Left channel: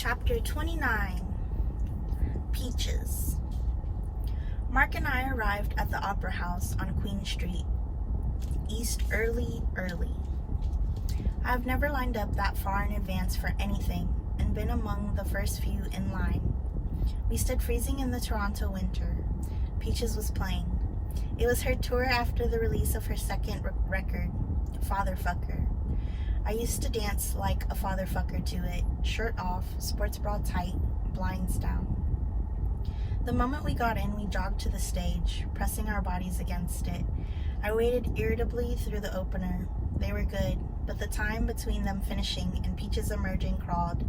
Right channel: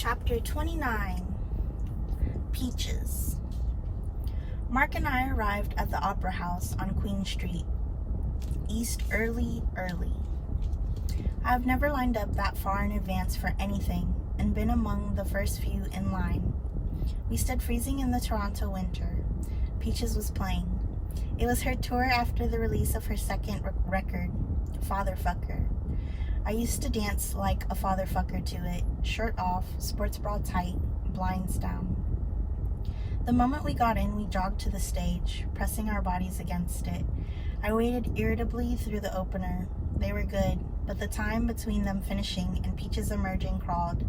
Chapter 29, Peaches. Mark and I arrived at the Opera House on Queen Street, East early. I have never lined up that far in advance for anything and been among the first few in line. We stood freezing in the Toronto winter. Peaches was playing. It was her tour after the release of her second record, Fatherfucker. I used to dance like a fatherfucker to it, shirt off, sports bra tight, blinds down. The moment we got in, we jogged to the stage, pressing our bodies against it. I waited irritably through the opener. They were good, but the time between them finishing and Peaches emerging crawled.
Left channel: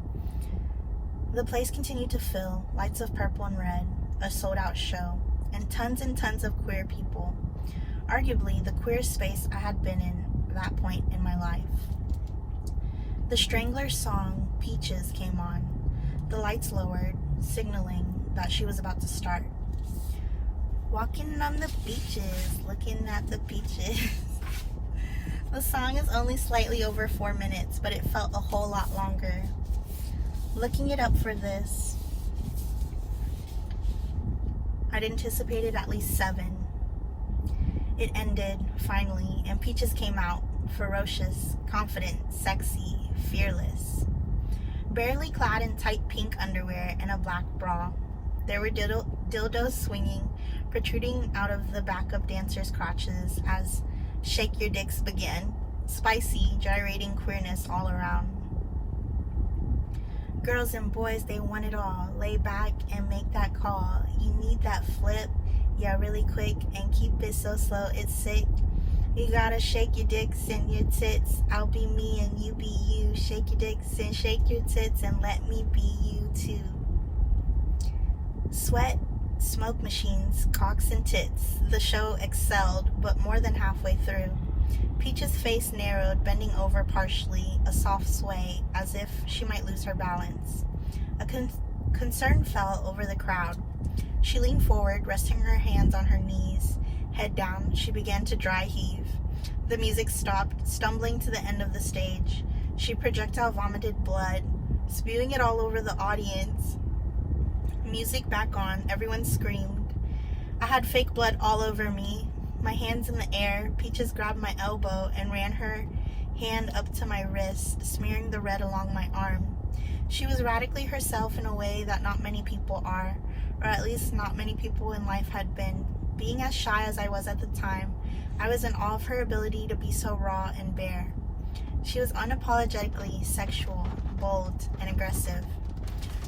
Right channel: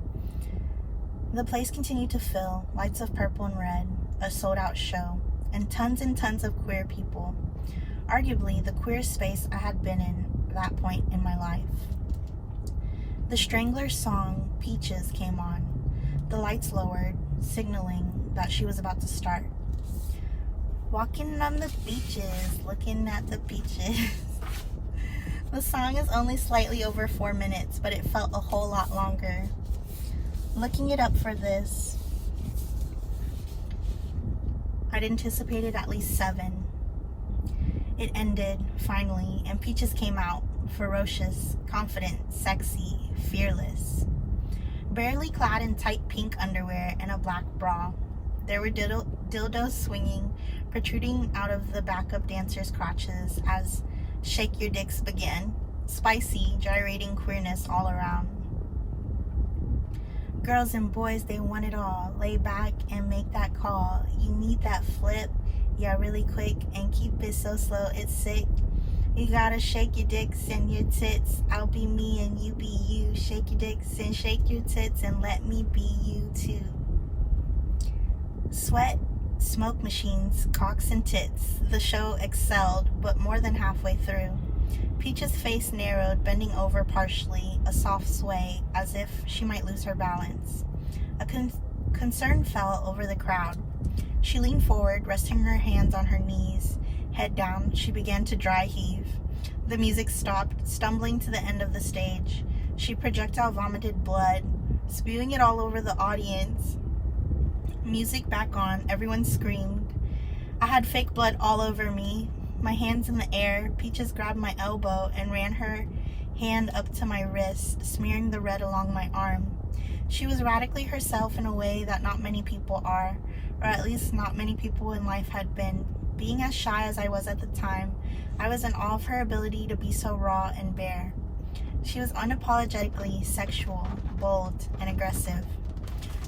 The place continued to fill, lights of purple and red, a sold-out show, and tons of queer people. Arguably the queerest space I had been in at that point in my life. The Stranglers' song, Peaches, came on. The lights lowered, signaling that she was about to start. Walking on the beaches, looking at the peaches. The song is only slightly over 4 minutes, but it felt a whole lot longer. Looking it up for this, I'd anticipated at least 7. It ended, finally, and Peaches came out, ferocious, confident, sexy, fearless. Barely clad in tight pink underwear and a black bra. There were dildos swinging, protruding out of the backup dancers' crotches as Shake Your Dicks began. Spicy, gyrating queerness all around. Girls and boys, they want it all. Lay back and make that call. You need that flip, yeah, really quick, and keep it so slow, it's sick. You gotta shake your dicks and your tits. I'll be me and you be you. Shake your dicks and shake your tits and let me be you too. Sweat, smoke machines, cocks and tits. The show excelled, but more than halfway through. Peach's face narrowed, bending over partially, a soft sway, as if she might lose her balance. A concern fell over the crowd. She leaned forward, resting her hands on her knees. Head down, she began to dry heave. The music stopped, stumbling to the end of the stage. She projectile vomited blood, spewing it all over the audience. Music back on, everyone screamed. I had fake blood all over me. My hands in the air, Peaches grabbed my elbow and ran her hand up to my wrist, smearing the red along my arm. She was radically herself in a way that not many people are, or at least not many people in life had been. Being as shy as I was at the time, I was in awe of her ability to be so raw and bare. She was unapologetically sexual, bold, and aggressive.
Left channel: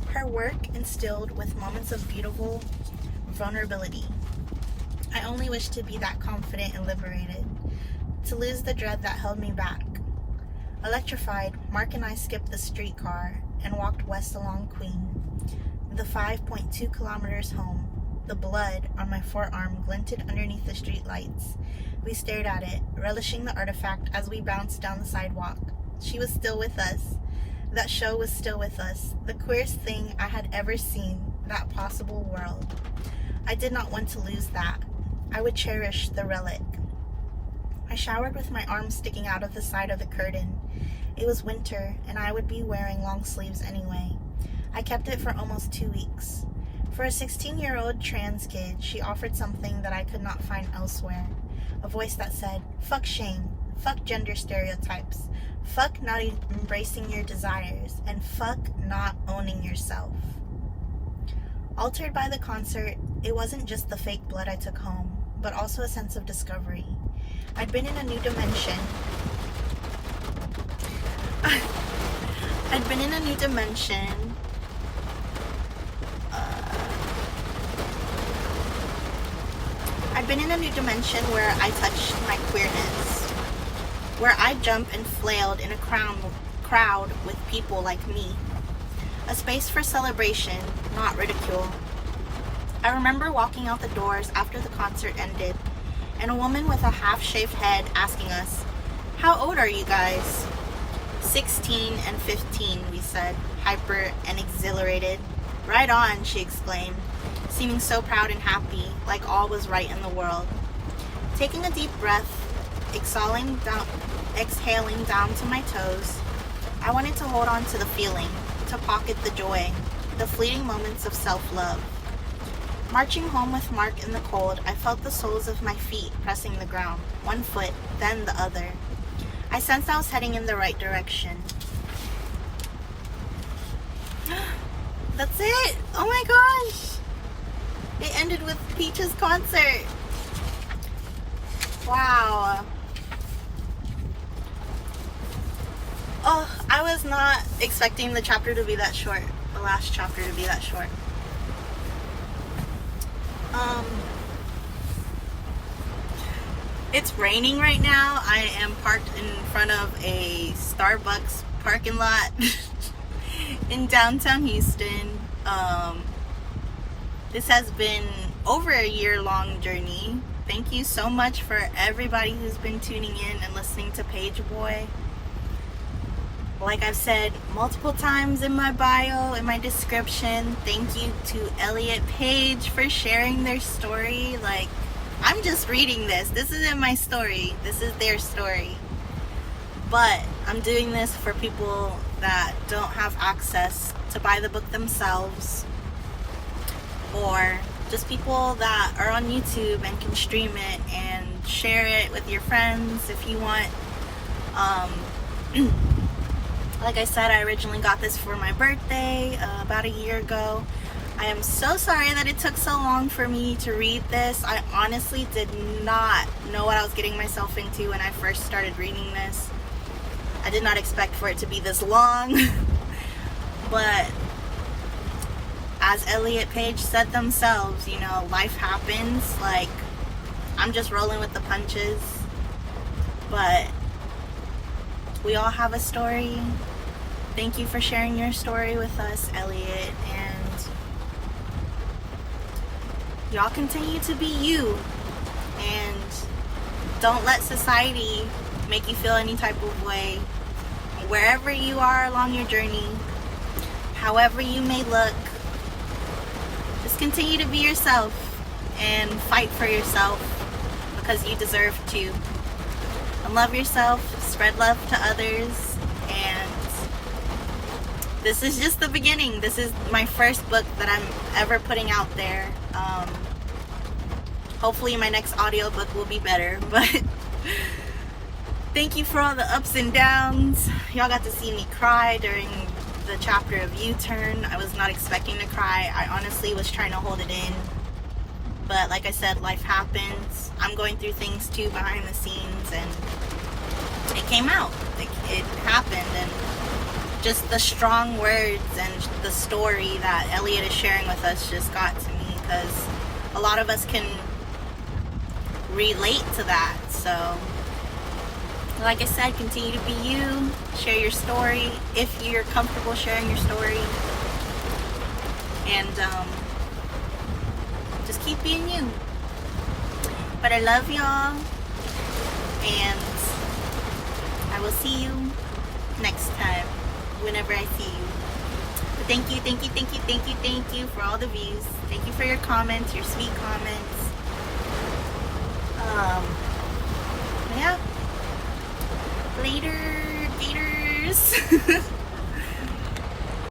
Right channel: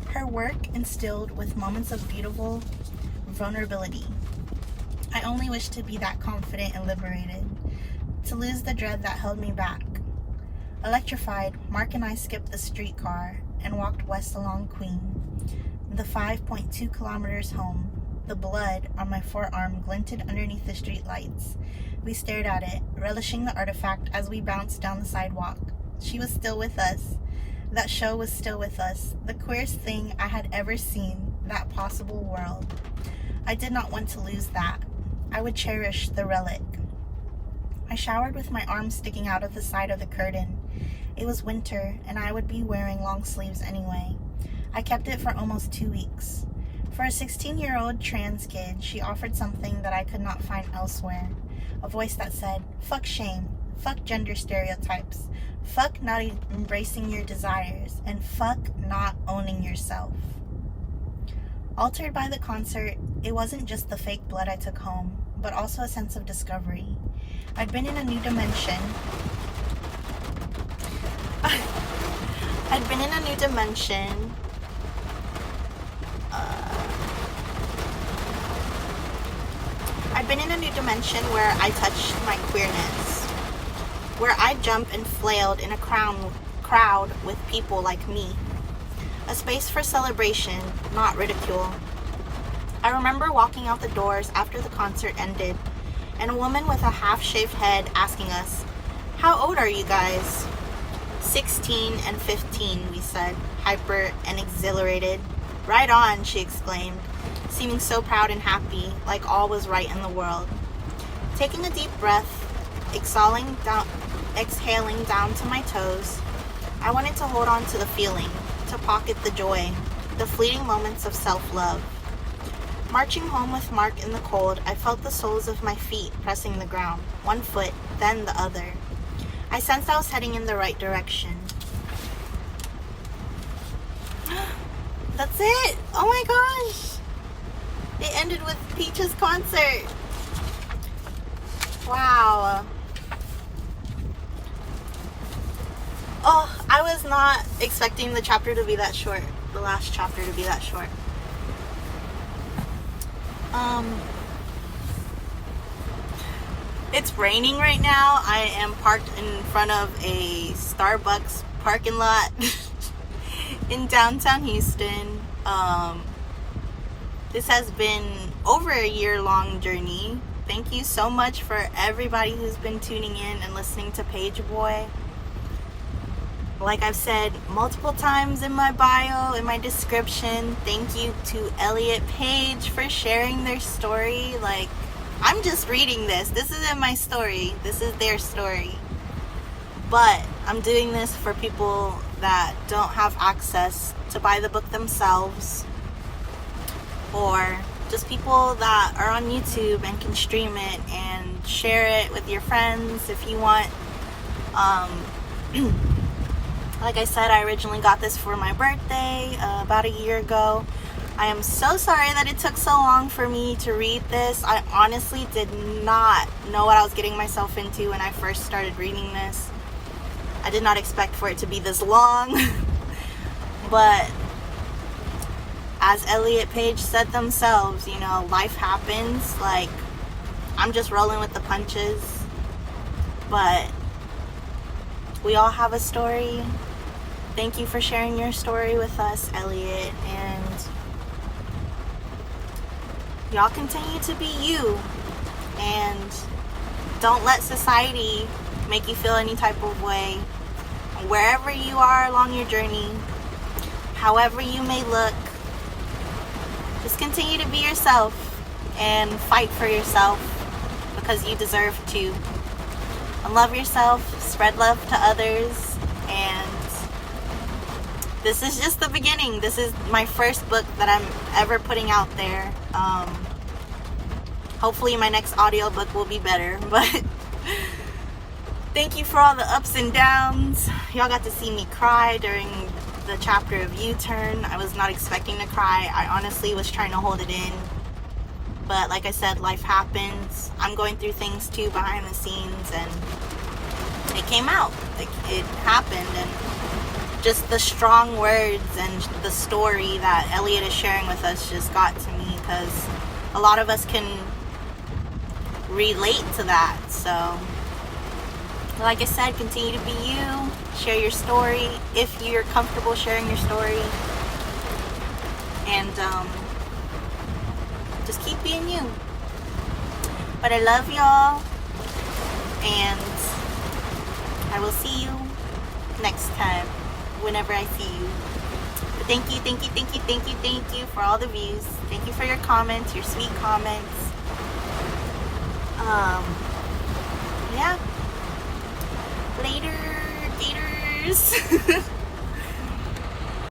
Her work instilled with moments of beautiful vulnerability. I only wished to be that confident and liberated, to lose the dread that held me back. Electrified, Mark and I skipped the streetcar and walked west along Queen, the 5.2 kilometers home. The blood on my forearm glinted underneath the streetlights. We stared at it, relishing the artifact as we bounced down the sidewalk. She was still with us. That show was still with us. The queerest thing I had ever seen, that possible world. I did not want to lose that. I would cherish the relic. I showered with my arms sticking out of the side of the curtain. It was winter, and I would be wearing long sleeves anyway. I kept it for almost 2 weeks. For a 16-year-old trans kid, she offered something that I could not find elsewhere. A voice that said, fuck shame, fuck gender stereotypes, fuck not embracing your desires, and fuck not owning yourself. Altered by the concert, it wasn't just the fake blood I took home, but also a sense of discovery. I'd been in a new dimension. I'd been in a new dimension. I've been in a new dimension where I touched my queerness, where I jumped and flailed in a crowd with people like me. A space for celebration, not ridicule. I remember walking out the doors after the concert ended, and a woman with a half-shaved head asking us, "How old are you guys?" 16 and 15, we said, hyper and exhilarated. "Right on," she exclaimed, seeming so proud and happy, like all was right in the world. Taking a deep breath, exhaling down to my toes, I wanted to hold on to the feeling, to pocket the joy, the fleeting moments of self-love. Marching home with Mark in the cold, I felt the soles of my feet pressing the ground, one foot, then the other. I sensed I was heading in the right direction. That's it! Oh my gosh! It ended with Peach's concert. Wow. Oh, I was not expecting the chapter to be that short. The last chapter to be that short. It's raining right now. I am parked in front of a Starbucks parking lot in downtown Houston. This has been over a year-long journey. Thank you so much for everybody who's been tuning in and listening to Pageboy. Like I've said multiple times in my bio, in my description, thank you to Elliot Page for sharing their story. Like, I'm just reading this. This isn't my story. This is their story. But I'm doing this for people that don't have access to buy the book themselves, or just people that are on YouTube and can stream it and share it with your friends if you want. Like I said, I originally got this for my birthday about a year ago. I am so sorry that it took so long for me to read this. I honestly did not know what I was getting myself into when I first started reading this. I did not expect for it to be this long. But as Elliot Page said themselves, you know, life happens. Like, I'm just rolling with the punches. But we all have a story. Thank you for sharing your story with us, Elliot. And y'all continue to be you. And don't let society make you feel any type of way. Wherever you are along your journey, however you may look, just continue to be yourself and fight for yourself, because you deserve to. And love yourself, spread love to others, and this is just the beginning. This is my first book that I'm ever putting out there. Hopefully my next audiobook will be better, but thank you for all the ups and downs. Y'all got to see me cry during the chapter of U-Turn. I was not expecting to cry. I honestly was trying to hold it in. But like I said, life happens. I'm going through things too behind the scenes, and it came out. It happened, and just the strong words and the story that Elliot is sharing with us just got to me, because a lot of us can relate to that. So like I said, continue to be you. Share your story if you're comfortable sharing your story. And just keep being you. But I love y'all. And I will see you next time, whenever I see you. But thank you for all the views. Thank you for your comments, your sweet comments. Yeah. Later, gators.